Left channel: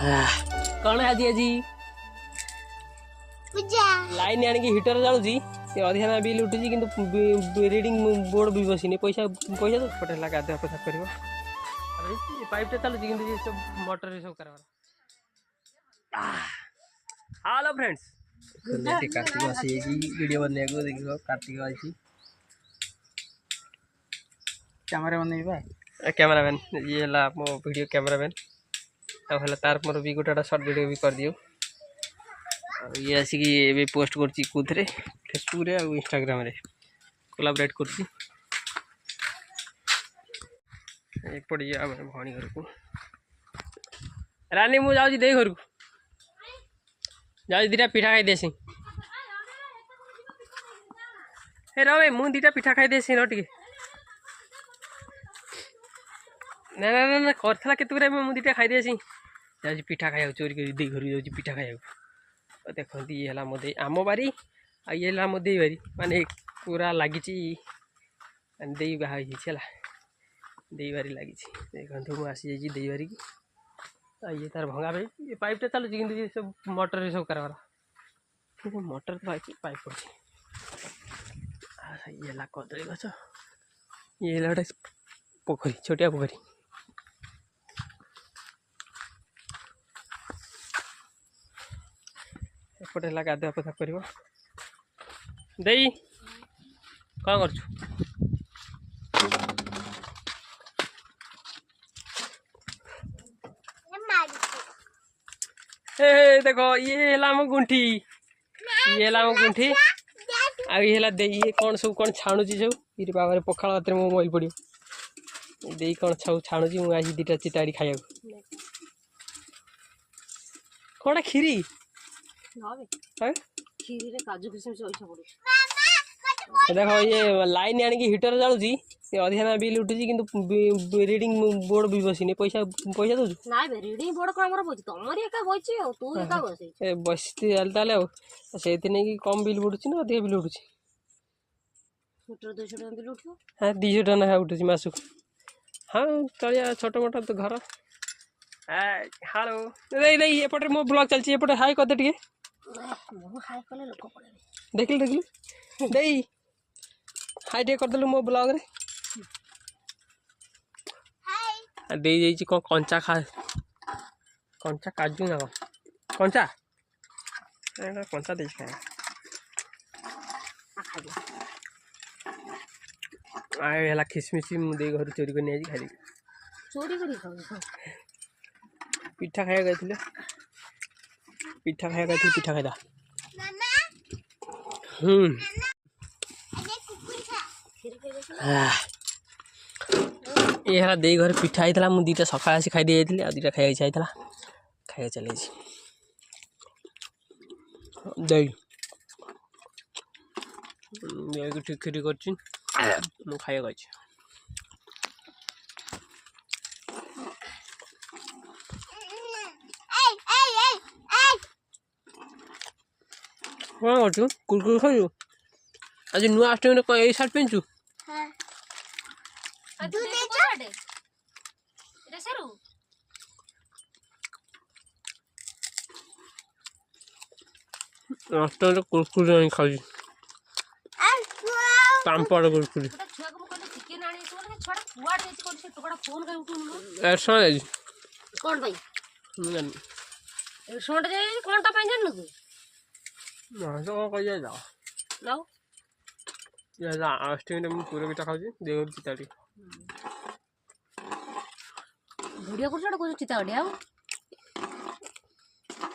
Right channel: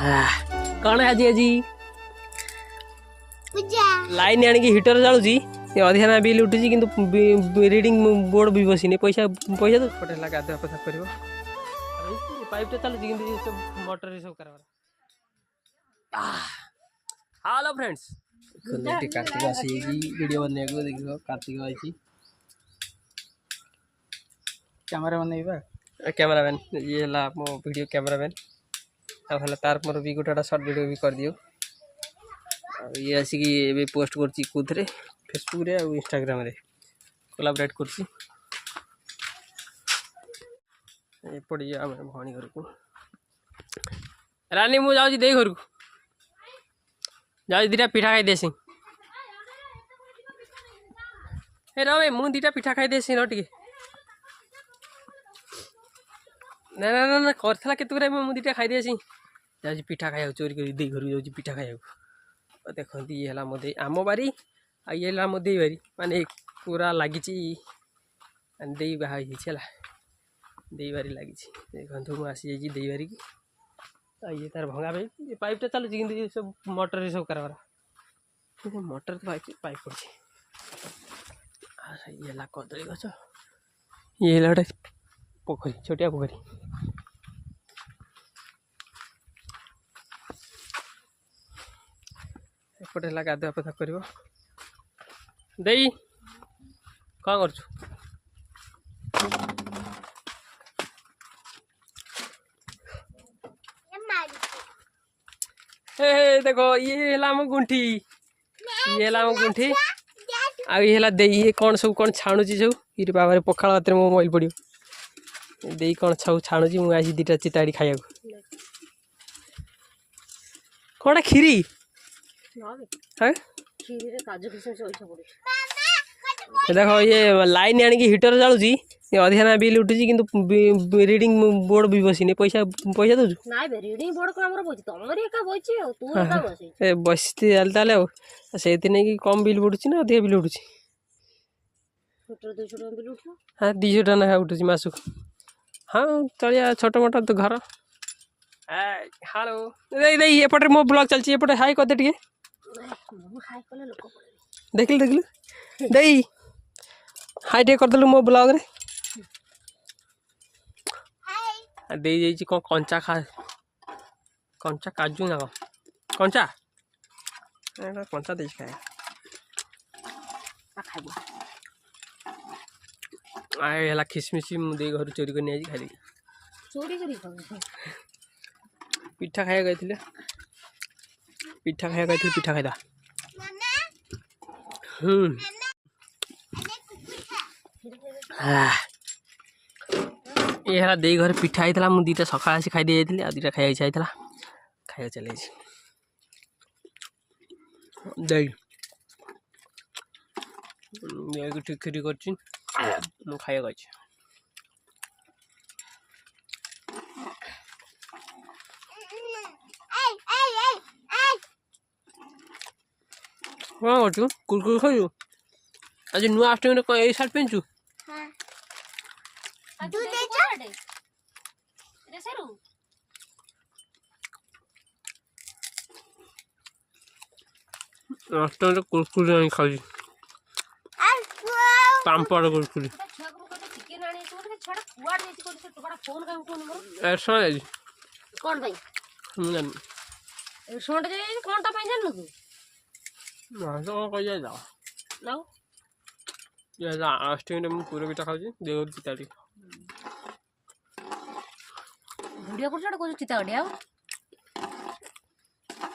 कौन आज आज लाइन आनिक हिटर जाऊँगी अधिका बिल उठुची कि रिडिंग बोर्ड भी बसनी पैसा पैसा तो पटे गाधुआ पता कर पाइपटा चलुची कि सब मोटर सब कर हेलो फ्रेंड्स कार्तिक आसी वीडियो बनने को देखो कार्तिक आई कैमरा बनइबा कैमरामैन ये है मो वीडियो कैमरामैन अब तार मोर भी गोटा सर्ट वीडियो भी कर दियो ये आसिक ए पोस्ट करची कौन फेसबुक रे और इंस्टाग्राम रे कोलाबरेट करची पड़े आम भणी घर को रानी मु जाऊँ दे घर को जाऊँ दीटा पिठा खाई देसी हे रे मु दीटा पिठा खाई देसी न टे ना ना ना करला केतुरा मु दीटा खाई देसी जाऊँ पिठा खाया चोरी कर दे घर जाऊँ पिठा खाया देखते ये है मोदी आम बारी आ ये है मोदी बारी माने पूरा लगी दे बाहर दे बारी लगी देखो मुझे आसी जाइए दे बारी की ये तार भंगा भाई ये पाइपटा चलुची कि सब मोटर सब कर मोटर तो पाइप पड़ी ये है कदली गछ ये है गोटे पोखरी छोटिया पोखरी एपटे है गाधुआ पथा कर कौन कर देखो ये है गुंठी ये है गुंठी ये कौन सब कौन छाणुची सब ये बाबा पखाड़ हाथ में मो मोबाइल पड़ो दे कौन सब छाणुची मुझे दीटा चिताड़ी खाया कौन खीरी देखो ये लाइन आनिक हिटर जाऊँगी अधिका बिल उठुची कि रिडिंग बोर्ड भी बसनी पैसा पैसा दौर रिडिंग बोर्ड को हमर बची तमरी एका बची तू एका बसी बसती ताले से कम बिल उठुची ना अधिका बिल उठुची मीटर 200 टका बिल उठो हाँ 200 टका ना उठुची मासक हाँ चलिए छोट मोटा तो घर हेलो नहीं एपटे मो ब्लॉग चलती एपटे हाई कर दे हाई कले लोक पड़े देखिल देखिल दे हाई टे करदेलु मो ब्लॉग रे दे जाइए कौन कंचा खा कंचा काजू ना कंचा कंचा दे खाए खिसमिश मुझे घर चोरी कर नहीं खाई चोरी कर पिठा खाया गए पिठा खाया गए पिठा खाई ये है दे घर पिठा होता मुझे दीटा सका आसी खाई दे जाती दीटा खाई इच्छा होता खाया चले दे ठीक खीरी कर खाया गई कौन कर कुरकुर खाऊ आज नुआ अष्टमी कौन ये सार्ट पिंचु अष्टमी कुरकुर खाऊ पापड़ कुरकुर कौन भाई सोंड जाई कौन ता जान तू ना तो कह जाओ लाओ ये अष्टमी में पूरा पिठा खाऊँ देवर चिताड़ी वीडियो कर चिताड़ी आउ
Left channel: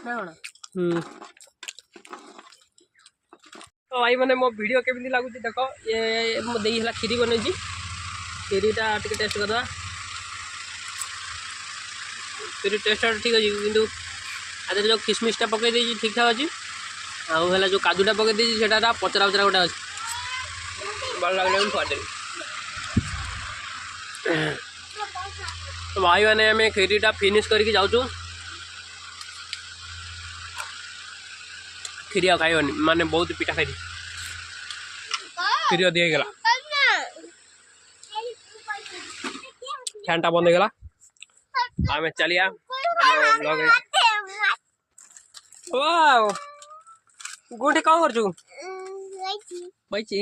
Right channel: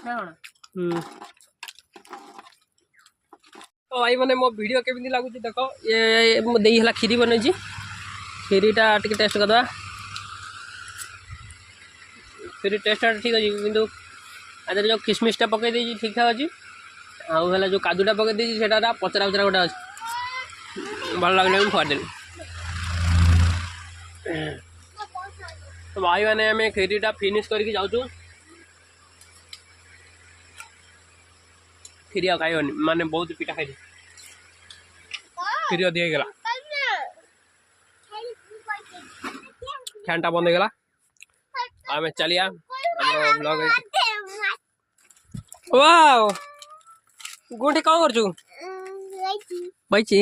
ना कौन तो भाई मैंने मो वीडियो केमी लगुच देख ये मो दे है खीरी बनई खीरीटा टे टेस्ट करदे खीरी टेस्ट ठीक अच्छे कि आज जो किसमिसटा पकई दे ठीक ठाक अच्छी आउ है जो काजूटा पकई देसी पचरा उचरा गोटे अच्छे भल लगे खुआदेली तो भाई मैंने आम खीरीटा फिनिश करके जाऊँ खीरी आ खाइबनी माने बहुत पिठा खाई खीरी अधिक गला फैन टा बंद हो गला आम चलिया ब्लॉग वाओ गुंठे कौन कर चु बैची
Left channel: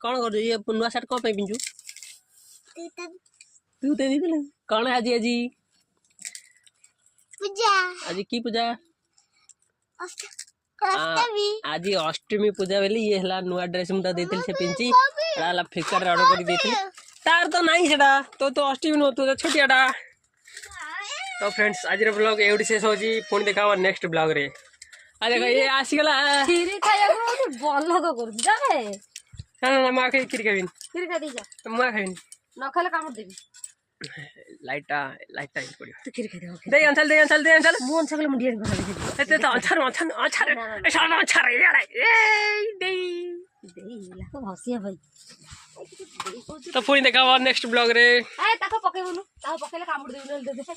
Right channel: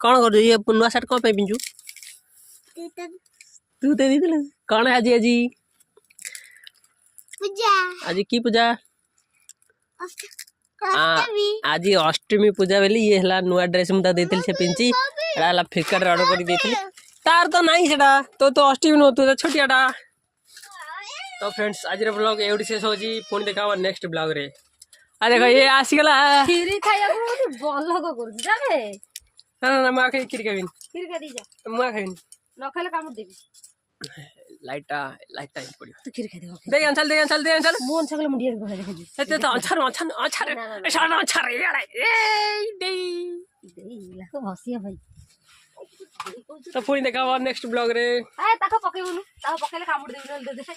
कौन कर ये नुआ सार्ट कौन पे पिंजु तू ते दी कौन है आज आज पूजा आज की पूजा अष्टमी आज अष्टमी पूजा बेली ये हला नुआ ड्रेस मुता देतिल से पिंची एला फ्लिपकार्ट रे ऑर्डर करी देतिल तार तो नहीं सेटा तो अष्टमी नो तू छोटियाटा तो फ्रेंड्स आज रे ब्लॉग एवडी शेष होजी पुणी देखा नेक्स्ट ब्लॉग रे आ देखो ये आसी गला କ୍ଷୀରି ଖାଇବାକୁ ବଲଗ କରୁଛି ଜାଣେ ना ना मां खाई खिर खाबिन କ୍ଷୀରି ଖାଇ ଯା मां खाबिन ନ ଖାଇଲେ କାମୁଡ଼ି ଦେବି लाइटा ही पड़ियो ତୁ କ୍ଷୀରି ଖାଇଦେ दे अंचल ମୁଁ ଅଂଶ କଲେ ମୁଣ୍ଡିଆ ଘର ଦେଖି ते तो अंचर सारा अंचर यार ए दे ଦେଇ ଲାଗ ଭସିଆ ଭାଇ तो पुणी देखा नेक्स्ट ब्लॉग रे ଏ ତାକୁ ପକେଇବୁନୁ ତାକୁ ପକେଇଲେ କାମୁଡ଼ି ଦେବି ନହେଲେ ଦେଖା